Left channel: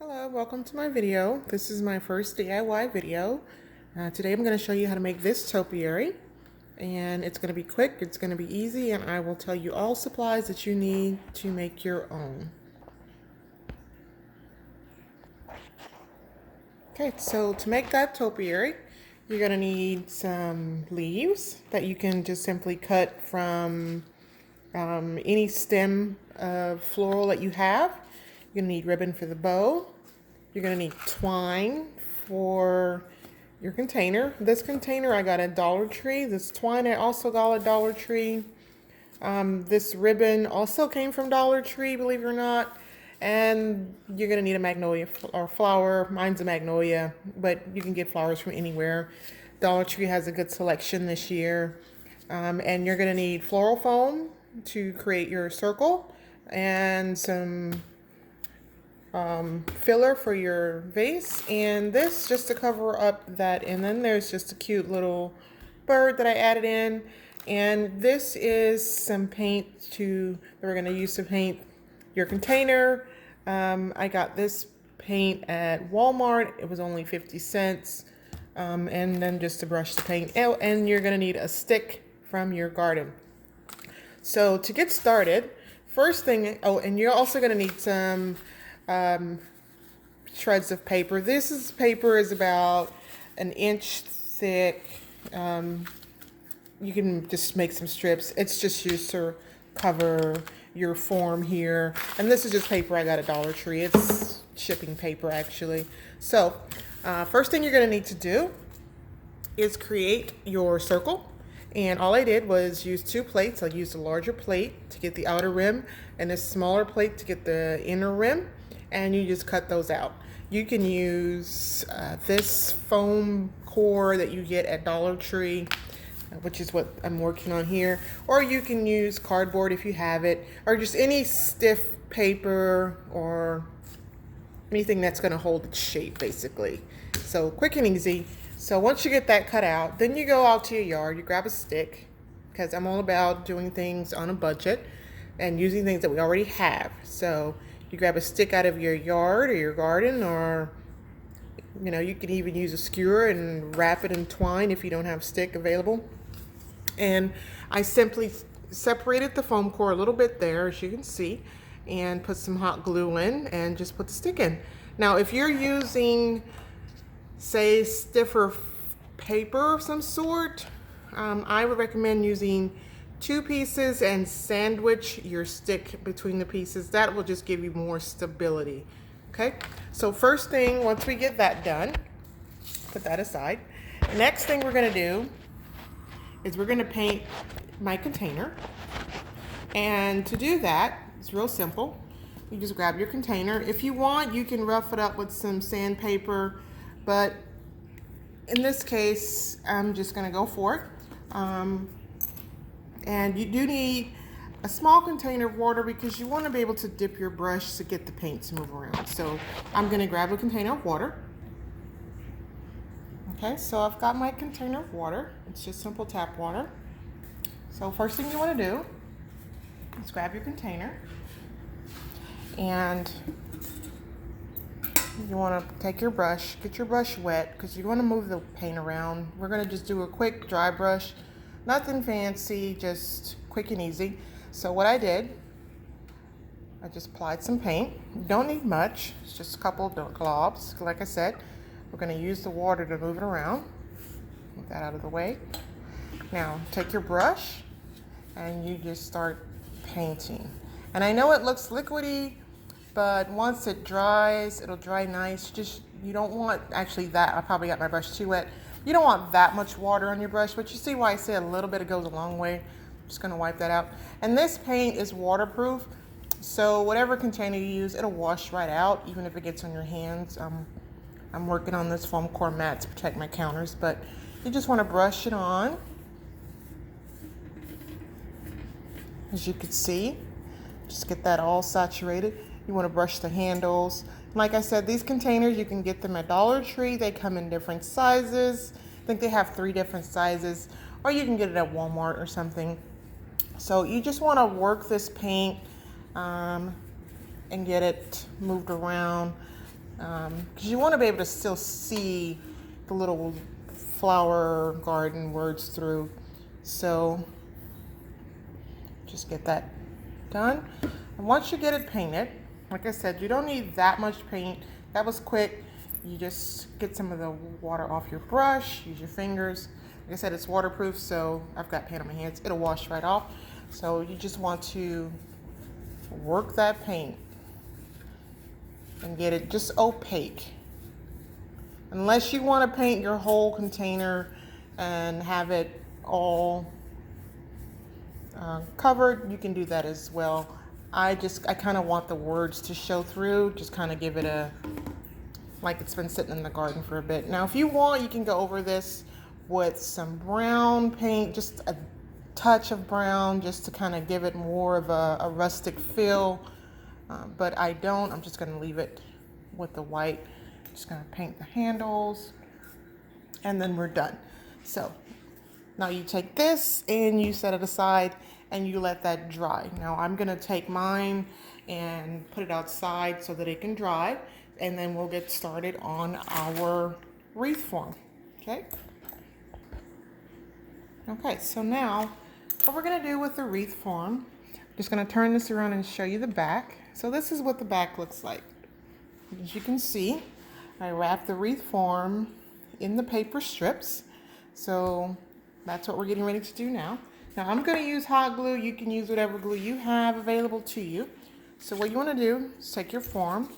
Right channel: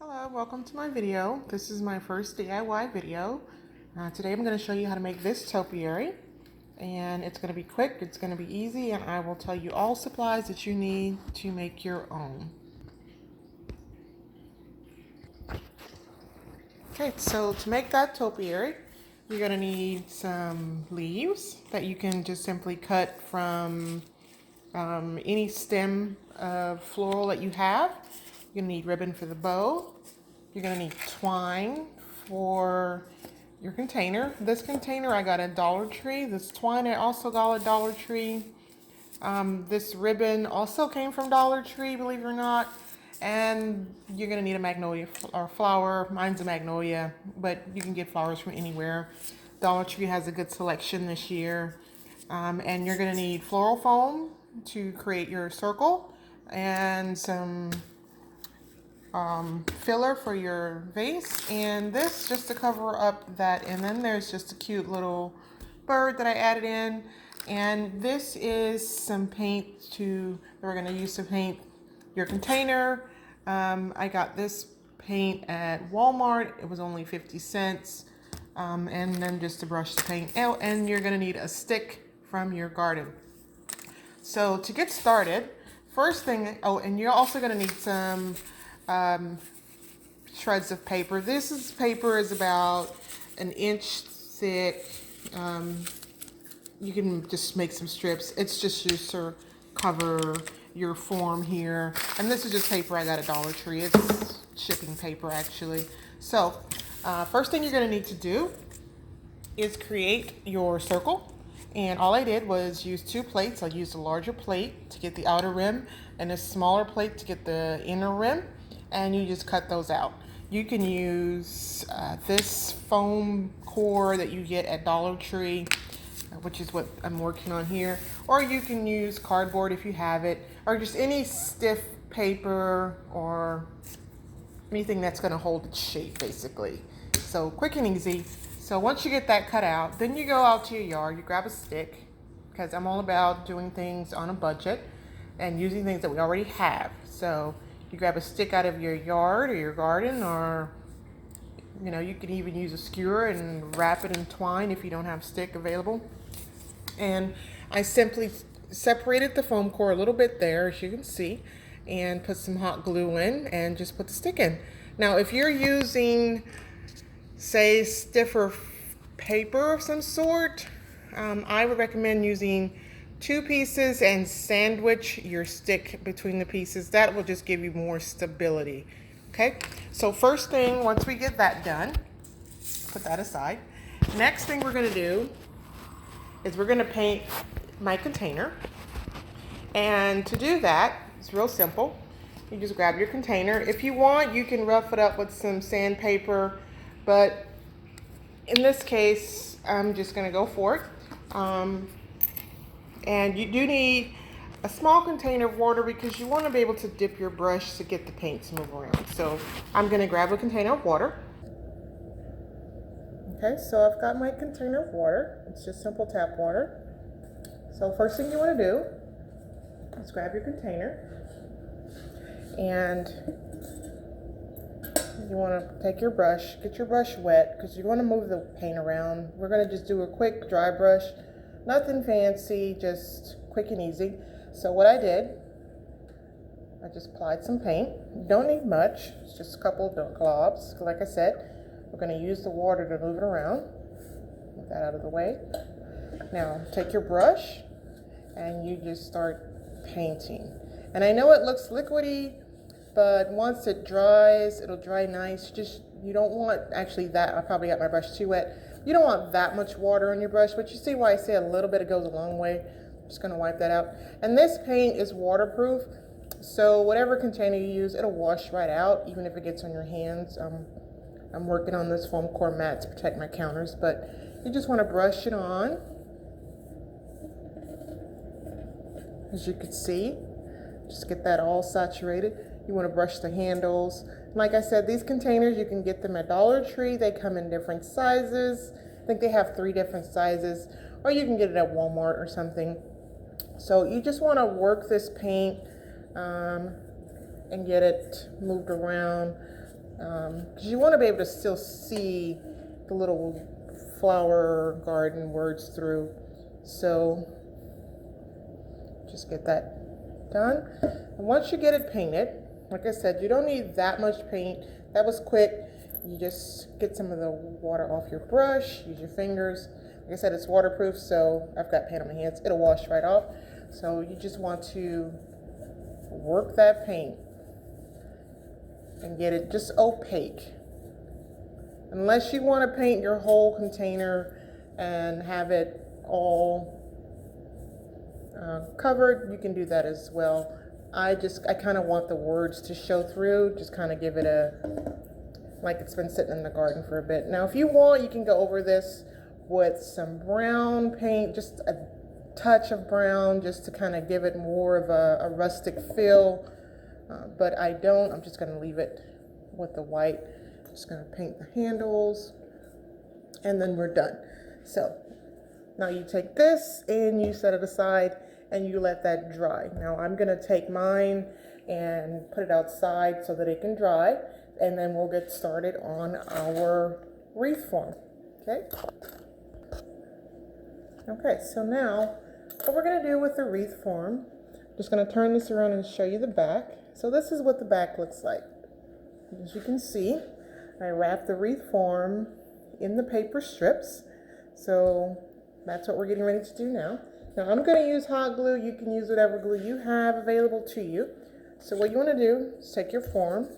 Hello, welcome to my video. This is my first DIY video. Today I'm going to show you how to make this topiary, and it's going to be quick, it's going to be easy, and I will tell you all supplies that you need to make your own. Okay, so to make that topiary, you're going to need some leaves that you can just simply cut from any stem of floral that you have. You're going to need ribbon for the bow. You're going to need twine for your container. This container I got at Dollar Tree. This twine I also got at Dollar Tree. This ribbon also came from Dollar Tree, believe it or not. And you're going to need a magnolia or flower. Mine's a magnolia, but you can get flowers from anywhere. Dollar Tree has a good selection this year. And you're going to need floral foam to create your circle and some filler for your vase, and this just to cover up that. And then there's just a cute little bird that I added in, and this is some paint we're going to use to paint your container. I got this paint at Walmart. It was only 50 cents. And then just to brush the paint out, and you're going to need a stick from your garden. So to get started, first thing, and you're also going to need some shreds of paper. This paper is about an inch thick. You can just make some strips. It's just used to cover your form here. And this is just paper I got at Dollar Tree. It's shipping paper actually. So first thing you're going to need to do is create your circle. And all I did was use two plates. I used a larger plate to get the outer rim and a smaller plate to get the inner rim. And you just cut those out. You can use this foam core that you get at Dollar Tree, which is what I'm working on here. Or you can use cardboard if you have it, or just any stiff paper or anything that's going to hold its shape basically. So quick and easy. So once you get that cut out, then you go out to your yard, you grab a stick, because I'm all about doing things on a budget and using things that we already have. So you grab a stick out of your yard or your garden, or you can even use a skewer and wrap it in twine if you don't have stick available. And I simply separated the foam core a little bit there, as you can see, and put some hot glue in and just put the stick in. Now if you're using, say, stiffer paper of some sort, I would recommend using 2 pieces and sandwich your stick between the pieces. That will just give you more stability. Okay, so first thing, once we get that done, put that aside. Next thing we're going to do is we're going to paint my container. And to do that, it's real simple. You just grab your container. If you want, you can rough it up with some sandpaper, but in this case, I'm just going to go for it. And you do need a small container of water because you want to be able to dip your brush to get the paint to move around. So I'm going to grab a container of water. Okay, so I've got my container of water. It's just simple tap water. So first thing you want to do is grab your container, and you want to take your brush, get your brush wet because you want to move the paint around. We're going to just do a quick dry brush. Nothing fancy, just quick and easy. So what I did, I just applied some paint. You don't need much, it's just a couple of globs. Like I said, we're going to use the water to move it around. Move that out of the way. Now take your brush and you just start painting. And I know it looks liquidy, but once it dries, it'll dry nice. You don't want, actually that, I probably got my brush too wet. You don't want that much water on your brush, but you see why I say a little bit, it goes a long way. I'm just gonna wipe that out. And this paint is waterproof, so whatever container you use, it'll wash right out, even if it gets on your hands. I'm working on this foam core mat to protect my counters, but you just wanna brush it on. As you can see, just get that all saturated. You wanna brush the handles. Like I said, these containers, you can get them at Dollar Tree. They come in different sizes. I think they have 3 different sizes, or you can get it at Walmart or something. So you just want to work this paint and get it moved around. because you want to be able to still see the little flower garden words through. So just get that done. And once you get it painted, like I said, you don't need that much paint. That was quick. You just get some of the water off your brush, use your fingers. Like I said, it's waterproof, so I've got paint on my hands. It'll wash right off. So you just want to work that paint and get it just opaque. Unless you want to paint your whole container and have it all covered, you can do that as well. I kind of want the words to show through, just kind of give it a, like it's been sitting in the garden for a bit. Now, if you want, you can go over this with some brown paint, just a touch of brown, just to kind of give it more of a rustic feel. But I don't, I'm just gonna leave it with the white. Just gonna paint the handles and then we're done. So now you take this and you set it aside and you let that dry. Now I'm gonna take mine and put it outside so that it can dry, and then we'll get started on our wreath form, okay? Okay, so now what we're gonna do with the wreath form, just gonna turn this around and show you the back. So this is what the back looks like. As you can see, I wrapped the wreath form in the paper strips. So that's what we're getting ready to do now. Now I'm gonna use hot glue. You can use whatever glue you have available to you. So what you wanna do is take your form,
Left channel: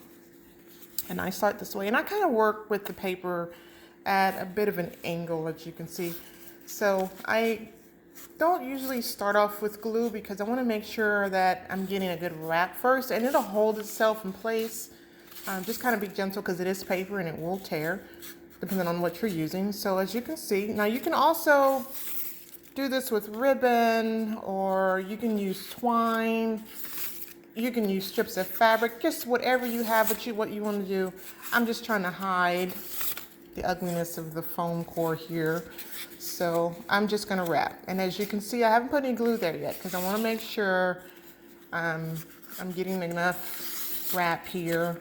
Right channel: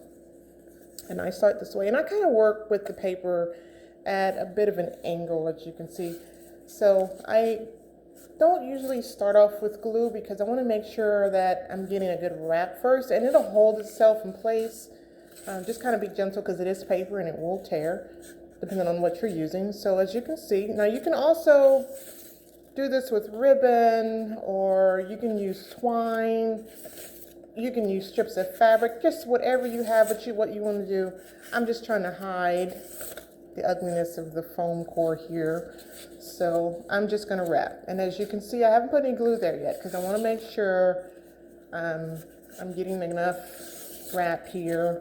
and I start this way, and I kind of work with the paper at a bit of an angle, as you can see. So I don't usually start off with glue because I want to make sure that I'm getting a good wrap first, and it'll hold itself in place. Just kind of be gentle because it is paper and it will tear depending on what you're using. So as you can see, now you can also do this with ribbon, or you can use twine, you can use strips of fabric, just whatever you have, what you want to do. I'm just trying to hide the ugliness of the foam core here. So I'm just gonna wrap. And as you can see, I haven't put any glue there yet because I wanna make sure I'm getting enough wrap here.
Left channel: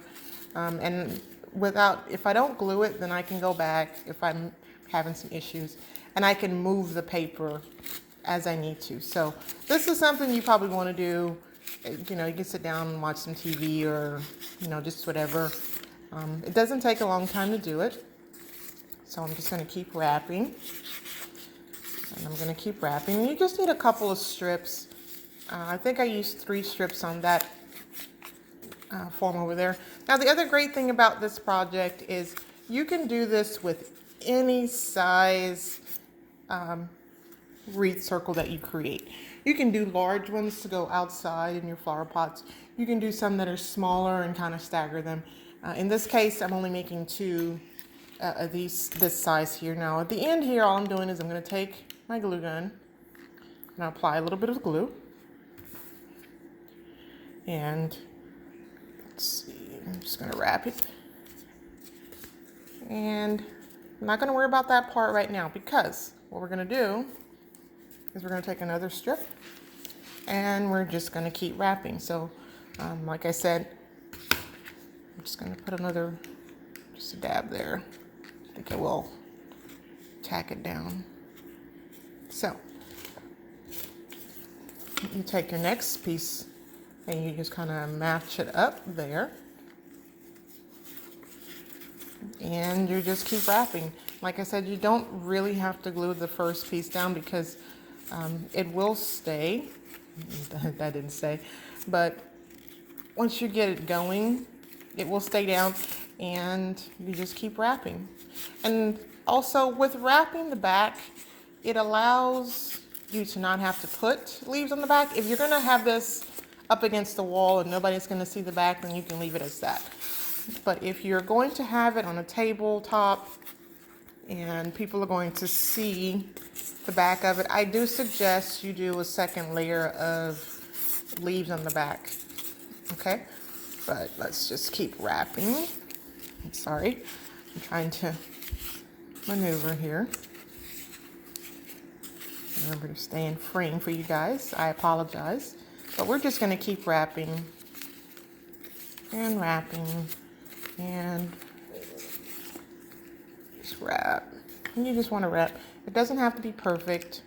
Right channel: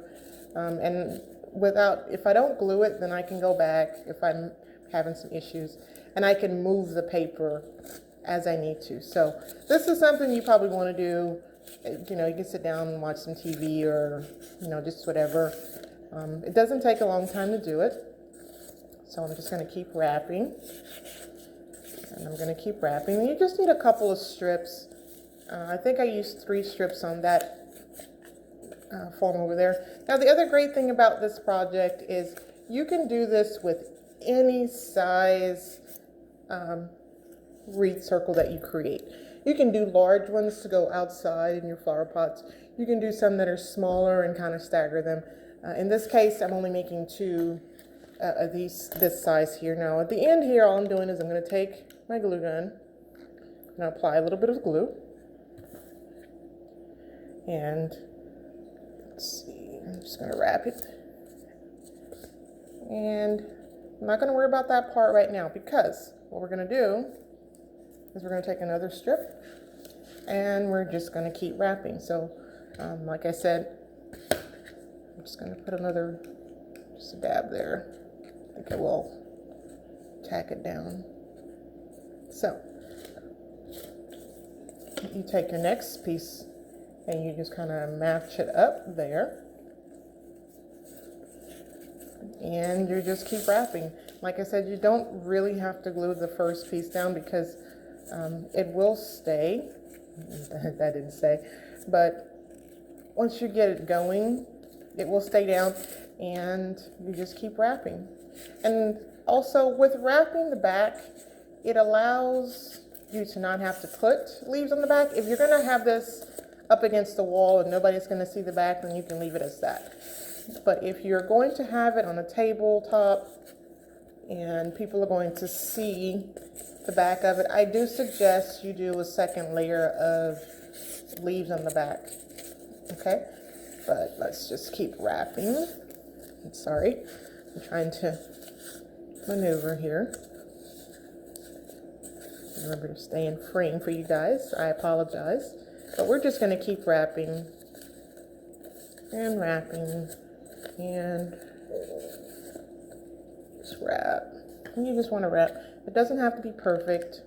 And if I don't glue it, then I can go back if I'm having some issues, and I can move the paper as I need to. So this is something you probably wanna do. You know, you can sit down and watch some TV, or, you know, just whatever. It doesn't take a long time to do it. So I'm just gonna keep wrapping. And I'm gonna keep wrapping. You just need a couple of strips. I think I used 3 strips on that form over there. Now the other great thing about this project is you can do this with any size wreath circle that you create. You can do large ones to go outside in your flower pots. You can do some that are smaller and kind of stagger them. In this case, I'm only making 2 of this size here. Now at the end here, all I'm doing is I'm going to take my glue gun and apply a little bit of glue. And let's see, I'm just going to wrap it. And I'm not going to worry about that part right now, because what we're going to do is we're going to take another strip and we're just going to keep wrapping. So like I said, I'm just going to put just a dab there. I think it will tack it down. So you take your next piece and you just kind of match it up there, and you just keep wrapping. Like I said, you don't really have to glue the first piece down because it will stay. That didn't stay, but once you get it going, it will stay down, and you just keep wrapping. And also with wrapping the back, it allows you to not have to put leaves on the back. If you're gonna have this up against the wall and nobody's gonna see the back, then you can leave it as that. But if you're going to have it on a tabletop and people are going to see the back of it, I do suggest you do a second layer of leaves on the back, okay? But let's just keep wrapping. I'm sorry, I'm trying to maneuver here. Remember to stay in frame for you guys. I apologize. But we're just gonna keep wrapping and wrapping and just wrap. And you just want to wrap. It doesn't have to be perfect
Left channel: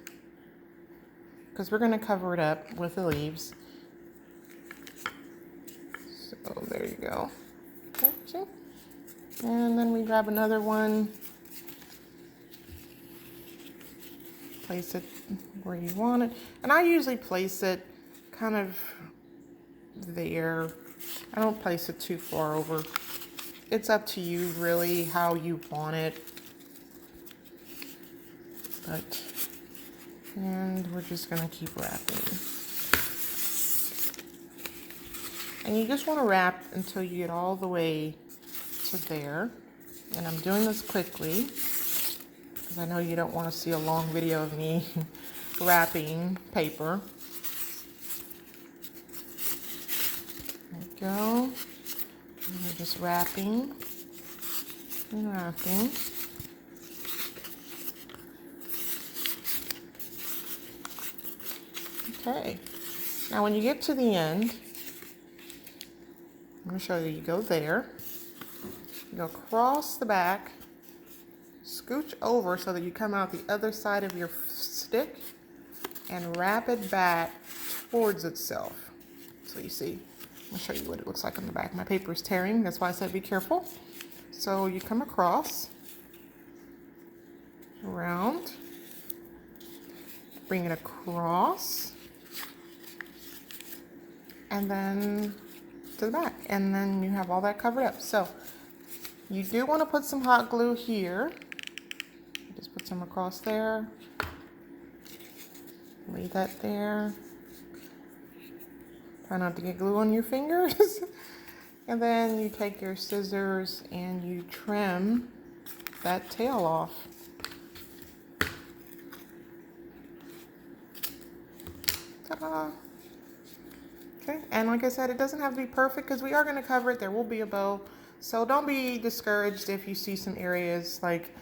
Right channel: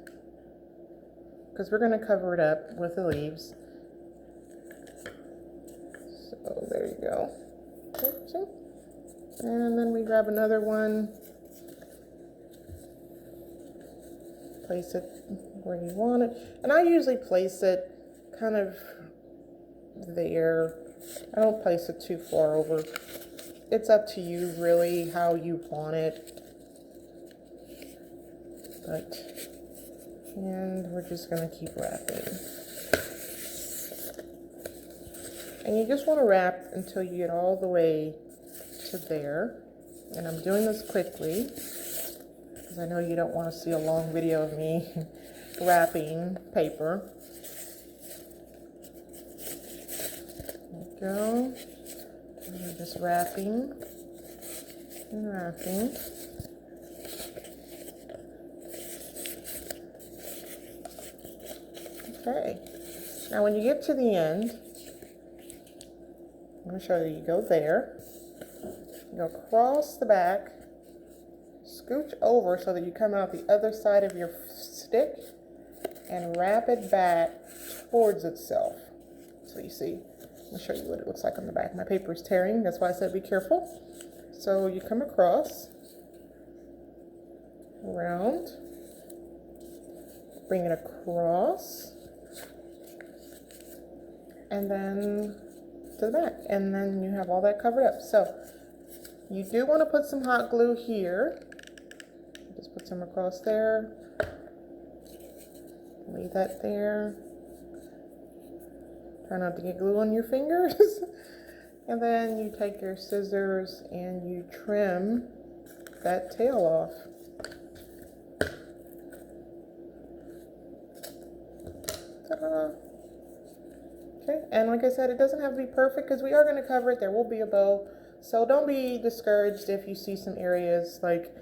because we're going to cover it up with the leaves. So there you go. Okay. And then we grab another one. Place it where you want it. And I usually place it kind of there. I don't place it too far over. It's up to you really how you want it. And we're just gonna keep wrapping. And you just want to wrap until you get all the way to there. And I'm doing this quickly because I know you don't want to see a long video of me wrapping paper. There we go. And we're just wrapping and wrapping. Okay. Now when you get to the end, I'm going to show you. You go there, you go across the back, scooch over so that you come out the other side of your stick and wrap it back towards itself. So you see, I'll show you what it looks like on the back. My paper is tearing, that's why I said be careful. So you come across, around, bring it across, and then to the back, and then you have all that covered up. So you do want to put some hot glue here. Just put some across there. Leave that there. Try not to get glue on your fingers. And then you take your scissors and you trim that tail off. Ta-da! Okay, and like I said, it doesn't have to be perfect because we are going to cover it. There will be a bow, so don't be discouraged if you see some areas like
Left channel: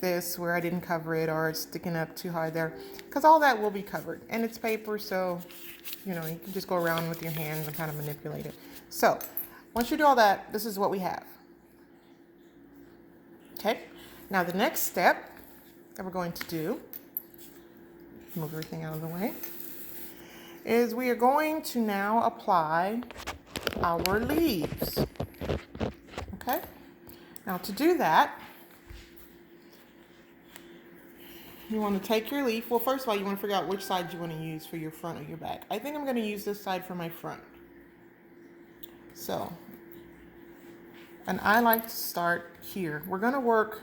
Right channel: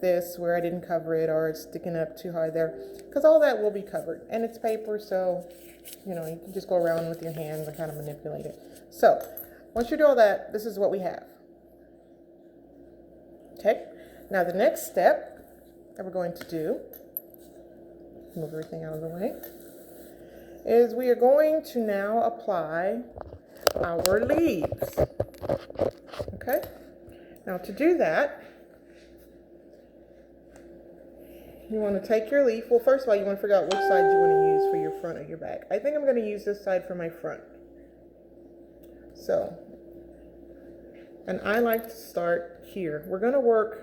this where I didn't cover it or it's sticking up too high there, because all that will be covered and it's paper, so you know you can just go around with your hands and kind of manipulate it. So once you do all that, this is what we have. Okay, now the next step that we're going to do, move everything out of the way, is we are going to now apply our leaves. Okay, now to do that, you want to take your leaf. Well, first of all, you want to figure out which side you want to use for your front or your back. I think I'm going to use this side for my front. So, and I like to start here. We're going to work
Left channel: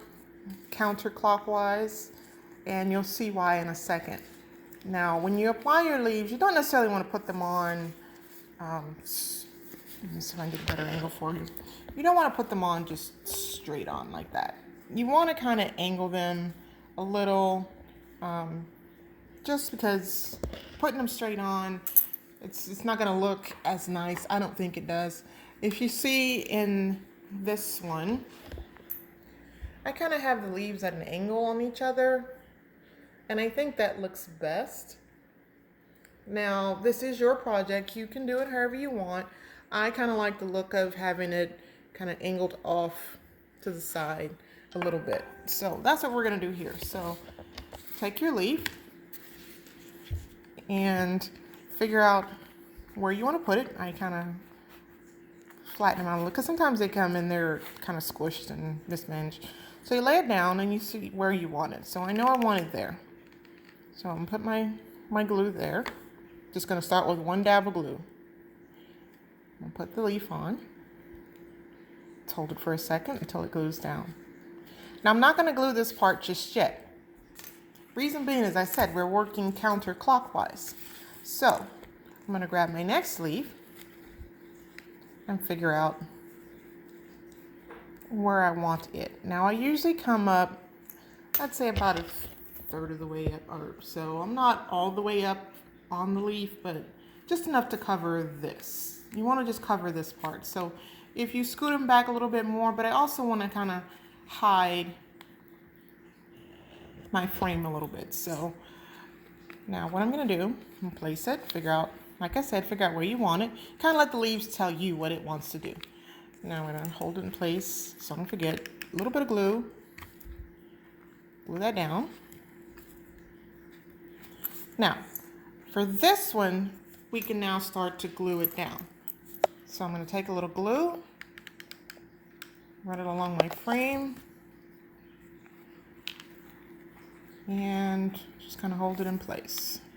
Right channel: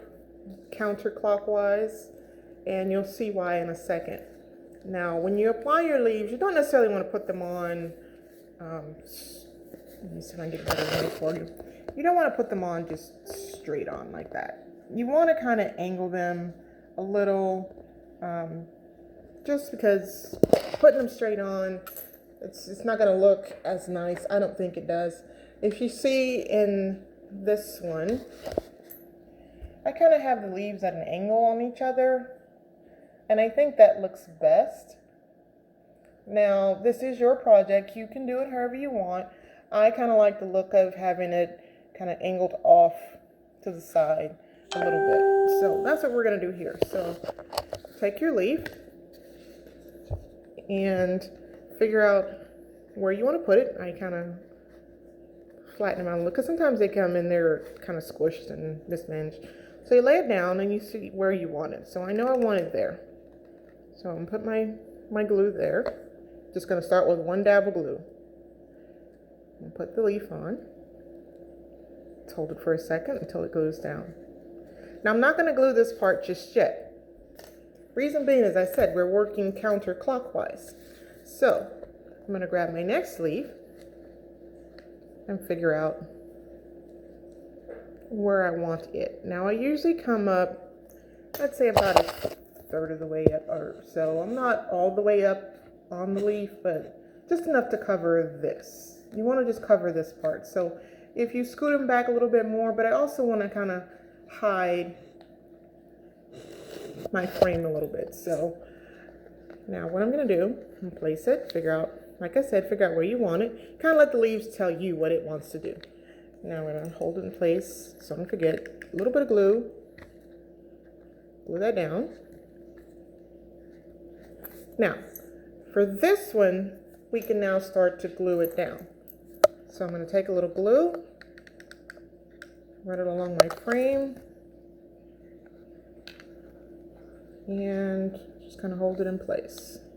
counterclockwise, and you'll see why in a second. Now, when you apply your leaves, you don't necessarily want to put them on, let me see if I can get a better angle for you. You don't want to put them on just straight on like that. You want to kind of angle them a little, just because putting them straight on, it's not going to look as nice. I don't think it does. If you see in this one, I kind of have the leaves at an angle on each other. And I think that looks best. Now, this is your project. You can do it however you want. I kind of like the look of having it kind of angled off to the side a little bit. So that's what we're going to do here. So take your leaf and figure out where you want to put it. I kind of flatten them out a little because sometimes they come in there kind of squished and mismanaged. So you lay it down and you see where you want it. So I know I want it there. So I'm going to put my glue there. Just going to start with one dab of glue. And put the leaf on. Let's hold it for a second until it glues down. Now I'm not going to glue this part just yet. Reason being, as I said, we're working counterclockwise. So I'm going to grab my next leaf and figure out where I want it. Now I usually come up, I'd say about a third of the way up or so. I'm not all the way up on the leaf, but just enough to cover this. You want to just cover this part. So if you scoot them back a little bit more, but I also want to kind of hide my frame a little bit. So now what I'm going to do, I'm going to place it, figure out, like I said, figure out where you want it. Kind of let the leaves tell you what it wants to do. Now I'm gonna hold it in place so I don't forget. A little bit of glue. Glue that down. Now, for this one, we can now start to glue it down. So I'm gonna take a little glue, run it along my frame, and just kind of hold it in place.